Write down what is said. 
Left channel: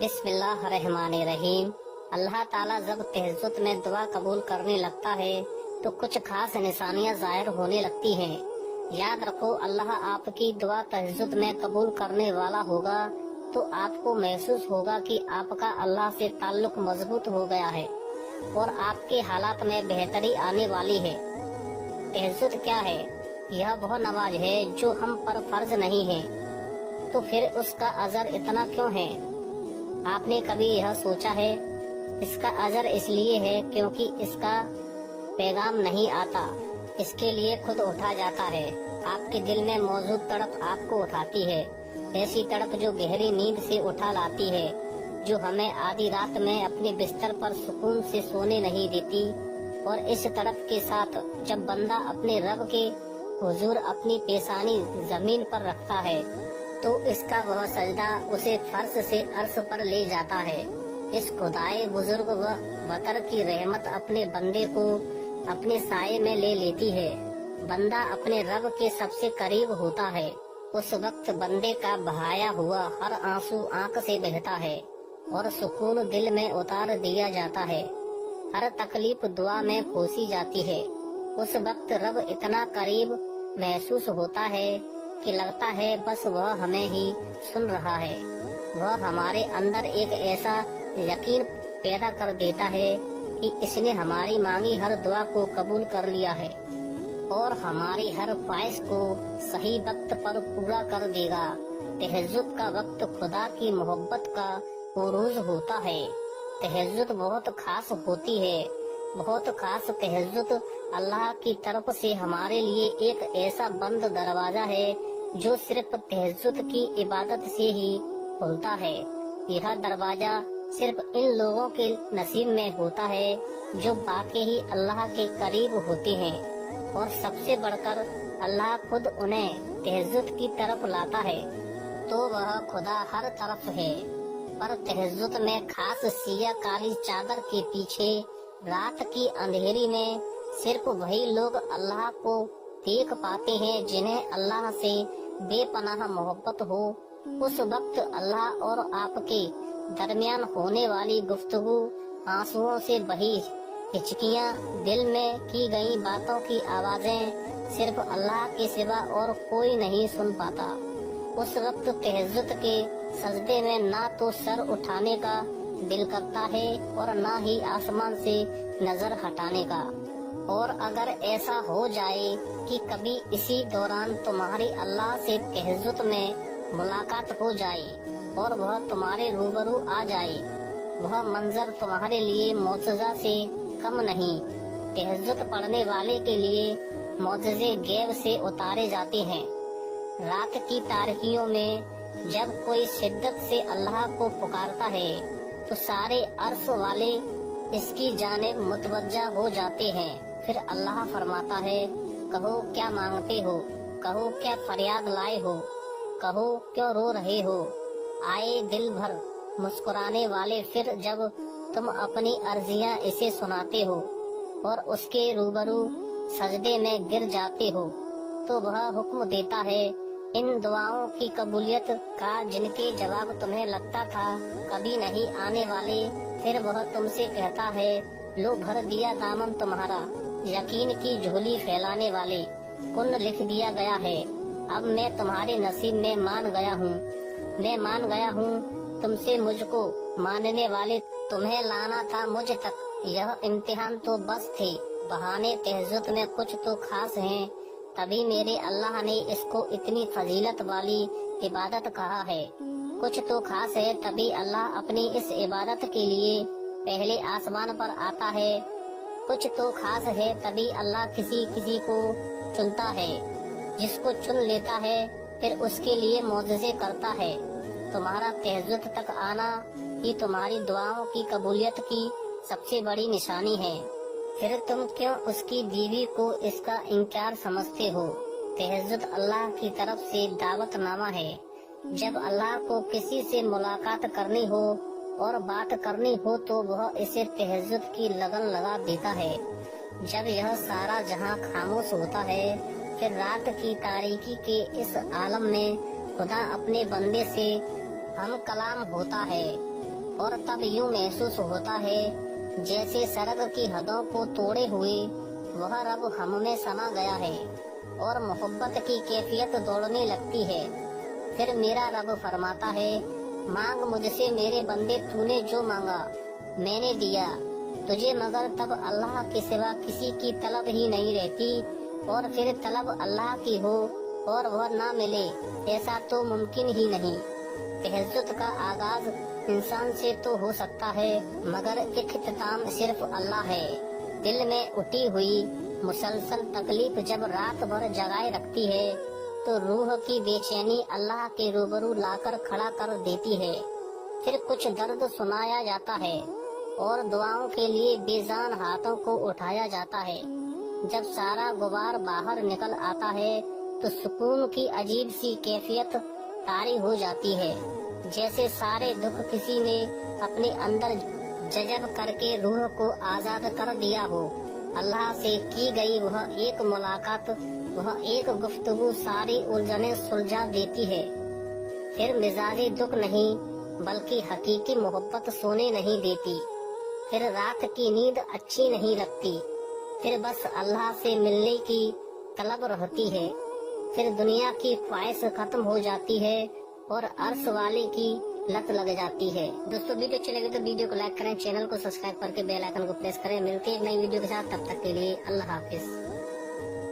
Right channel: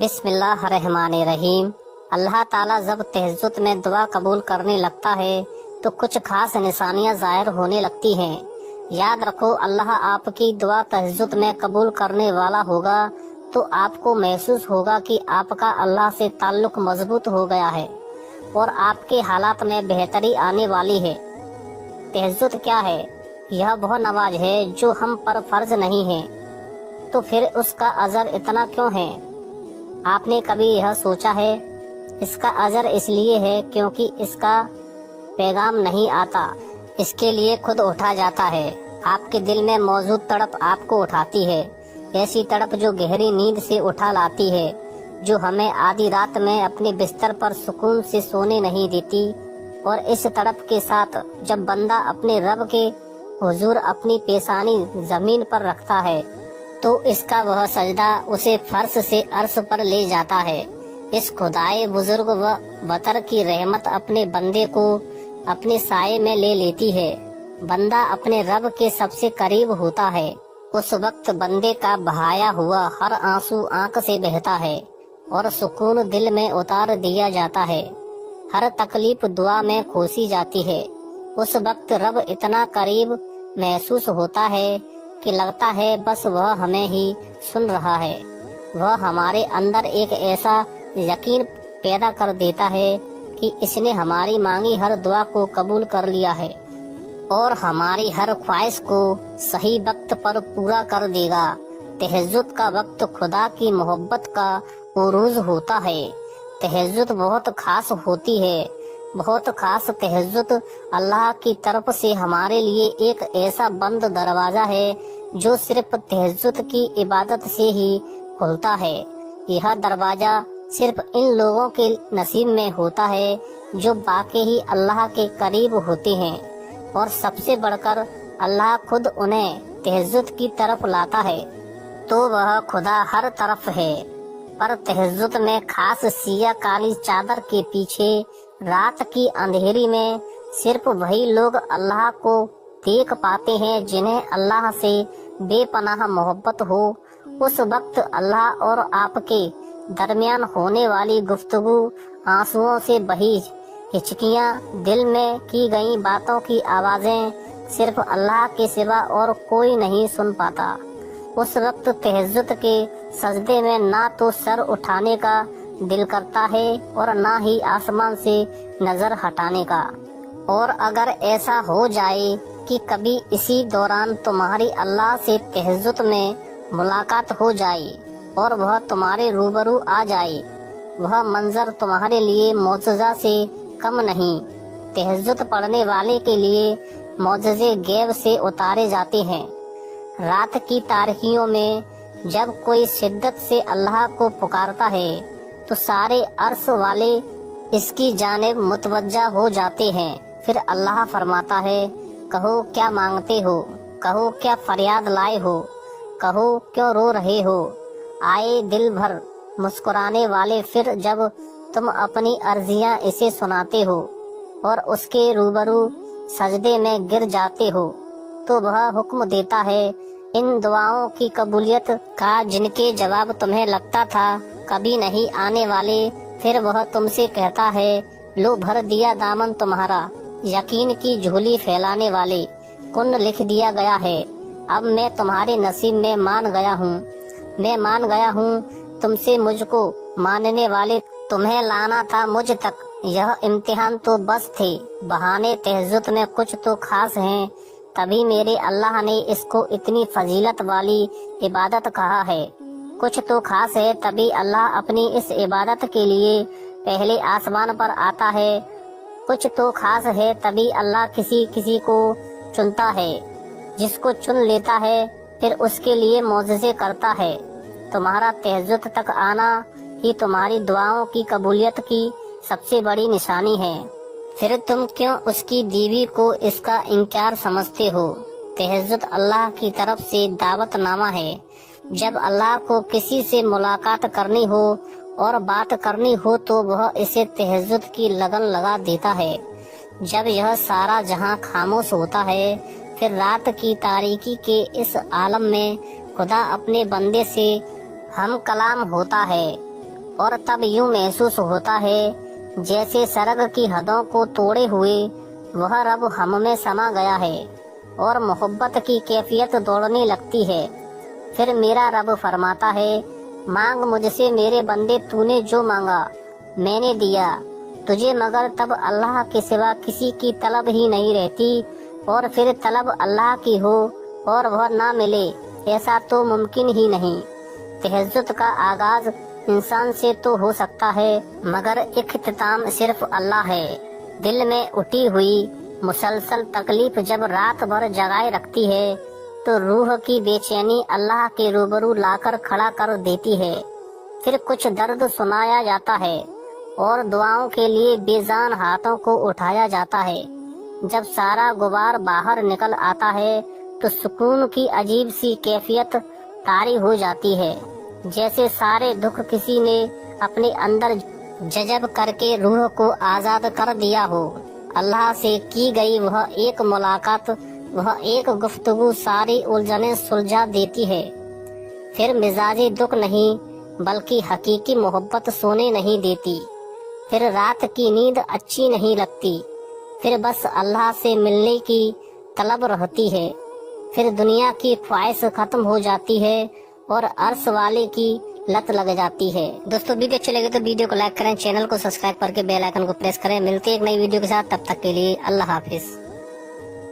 بسم اللہ الرحمن الرحیم۔ اللہ تعالیٰ جب تہجد میں دعا قبول کرنے لگتا ہے تو کچھ خاص نشانیاں ظاہر ہونے لگتی ہیں۔ یاد رکھو، اللہ آپ کی دعا تہجد میں قبول کرنے والا ہوگا تو آپ کو محسوس ہوگا کہ آپ کا اللہ سے تعلق مضبوط ہو گیا ہے اور آپ کے حالات میں بہتری آنے والی ہے۔ تہجد کیا ہے؟ یہ وہ نماز ہے جو ہم پر فرض نہیں ہے، تو پھر اس کا اجر اتنا کیوں ہے؟ آپ نے کبھی یہ سوچا ہے؟ اس کا اجر اس لیے ہے کیونکہ اس کا پیغام نہیں آتا، اس کے لیے خود اٹھا جاتا ہے۔ آپ کے دل میں موجود تڑپ آپ کو اٹھاتی ہے، ایسی تڑپ جو گہری نیند سے اٹھا لاتی ہے، جو ہمیں آدھی رات میں اپنے بستر پر سکون سے سونے نہیں دیتی۔ اور اس تڑپ کے ساتھ جب بندہ اپنے رب کے حضور اپنی پیشانی زمین پر رکھتا ہے تو اس کا وہ سجدہ اسے فرش سے عرش پر لے جاتا ہے۔ اس خدائے بزرگ و بطر کی رحمت اپنے بندے کو اپنے سائے میں لے لیتی ہے۔ بندہ اپنے رب کے سب سے قریب ہوتا ہے۔ اس وقت بندے کا بہایا ہوا ہر آنسو آنکھ سے بہتا ہے اور سکون دل میں اتار دیا جاتا ہے۔ ہر تکلیف دعا میں کھوسی جاتی ہے۔ اس وقت رب اتنا قریب محسوس ہوتا ہے کہ لگتا ہے بس وہ ہمیں ہی سن رہا ہے۔ وہ ہمارے اندر ایک ایسا یقین پیدا کر دیتا ہے کہ اس نے ہماری مانگی ہر دعا کو قبول کر لیا ہے اور ہماری ہر خواہش کو صحیح وقت پر پورا کر دے گا۔ تہجد کا وقت خدا کی محبت کا عروج ہوتا ہے۔ تہجد بہت خاص ہوتی ہے، بہت خاص۔ تہجد اللہ کی طرف سے ہمارے لیے ایک ایسا بند دروازہ ہے جو صرف تہجد کی عبادت سے ہی کھلتا ہے۔ یہ دروازہ صرف ان لوگوں کے نصیب میں ہوتا ہے جو واقعی اللہ کے قریب ہوتے ہیں، اور سب سے بڑھ کر اللہ خود انہیں تہجد کی طرف لاتا ہے۔ تو وہ خدا ہر طرف ہے، پر تہجد میں خاص سیاہ کالی چادر کے پیچھے رات کی اندھیری میں صرف وہی لوگ اللہ کو دیکھ پاتے ہیں جنہیں اللہ سے بے پناہ محبت ہو۔ اس وقت اللہ اور آپ کے درمیان ہونے والی گفتگو، آنسوؤں سے بہی ہچکیاں، دل میں کی گئی باتوں کی آوازیں صرف اللہ کے سوا اور کوئی نہیں سن پاتا۔ اس وقت تہجد کے سجدے میں نہ تو سر اٹھانے کا دل کرتا ہے اور نہ ہی آسمان سے نظر ہٹانے کا۔ اور اگر ایسا ہو جائے کہ کبھی اسی دوران تمہاری اللہ سے تہجد میں ملاقات ہو جائے اور وہ تمہارے روبرو آ جائے، وہ منظر تمہارے لیے معجزہ سے کم نہیں۔ تہجد پڑھنے والے کے لیے معجزے غیب سے اتارے جاتے ہیں۔ رات کی تاریکیوں میں جب کوئی شدت سے اللہ کو پکارتا ہے تو سارے عرش والے اس کی جانب متوجہ ہو جاتے ہیں۔ پھر اللہ فرماتا ہے، کہو کیا مانگتے ہو، کہو کیا فریاد لائے ہو، کہو کیوں رو رہے ہو۔ آئے دل بھر مسکرانے والے، پھر جب تم اپنی عرضیاں اسے سناتے ہو اور اس کے روبرو سجدے میں گر جاتے ہو تو وہ حکم دیتا ہے ان دعاؤں کی قبولیت کا جن کے جواب تمہیں لگتا تھا کبھی نہیں آنے والے۔ پھر وہ تم سے کہتا ہے، لو بھر دیا دامن تمہارا، یقین کی جھولی پھیلانے والے، کن لکھ دیا گیا ہے۔ اب میں تمہارے نصیب میں مان گیا ہوں، میں مان گیا ہوں تم سے مجھ کو ماننے والے، تمہیں لانا تھا مجھ تک۔ یہ امتحان تو بس تھے، بہانے تہجد میں کچھ تو خاص ہیں، تبھی میرے اللہ نے اس کو اتنی فضیلت والی عبادت کہا ہے۔ کچھ تو خاص ہے تبھی اللہ اپنی اس عبادت کے لیے پہلے آسمان پر آتا ہے۔ کچھ تو خاص ہے تبھی اللہ کسی کسی کو چنتا ہے، جس کو چن لیتا ہے پھر اس کے لیے معجزے کرتا ہے۔ تمہارا تہجد تک آنا ہی تمہاری دعاؤں کی قبولیت کی سب سے بڑی نشانی ہے۔ پھر تم کیوں اس کی بیوی کو اس کا انکار سمجھتے ہو؟ تہجد اللہ کی طرف سے دعوت نامہ ہے۔ جب اللہ کو کسی سے ملاقات کرنی ہو اور بات کرنی ہو تو وہ اسے تہجد کی لگن لگا دیتا ہے۔ جب یہ سارا جہاں خاموش ہوتا ہے، پھر رات کی تاریکی کے اس عالم میں خدا اپنے بندے سے ہم کلام ہوتا ہے۔ اور تب یوں محسوس ہوتا ہے جیسے سرگ کی حدوں کو توڑے ہوئے وہ رب ہم میں سما گیا ہے اور محبت کی کیفیت دوڑنے لگتی ہے۔ پھر میرا رب فرماتا ہے، مانگ مجھ سے میرے بندے، تو نے جو مانگا میں نے دیا تجھے، مگر تب اللہ کے سوا کسی کی طلب ہی نہیں رہتی، اور پھر طلب اللہ کی ہو اور وہ نہ ملے، ایسا تو ممکن ہی نہیں۔ تہجد کا آغاز انسان سے تو ہو سکتا ہے، مگر اختتام صرف اللہ ہے۔ دل میں اٹھی ہوئی مسلسل تکلیف جب رات بھر جگائے رکھتی ہے تو روح کی بے چینی اللہ کے روبرو لا کر کھڑا کر دیتی ہے۔ پھر کچھ درد سنایا جاتا ہے اور دعاؤں کے لیے بے جان ہاتھوں کو اٹھایا جاتا ہے۔ جب سارا غبار باہر نکل آتا ہے تو سکون کی عجیب سی کیفیت طاری ہو جاتی ہے، جیسے سارے دکھ کسی نے اپنے اندر جذب کر کے روح کو آزاد کر دیا ہو۔ اللہ سے کی گئی وہ ایک ملاقات، وہ ایک گفتگو ساری الجھنیں سلجھا دیتی ہے۔ پھر مزاجی دکھ نہیں بلکہ حقیقی محبت سونے نہیں دیتی۔ پھر رات کی نیند اچھی نہیں لگتی، پھر بس اللہ سے ملنے کی طلب رہتی ہے۔ پھر دنیا کی خواہش ختم ہو جاتی ہے اور عرش والے کی لت لگ جاتی ہے۔ دوستو ویڈیو اچھی لگے تو ویڈیو کو لائک کریں، چینل کو سبسکرائب کر کے بیل آئیکن کو پریس کریں۔ ملتے ہیں ایک نئی ویڈیو کے ساتھ، تب تک کے لیے اللہ حافظ۔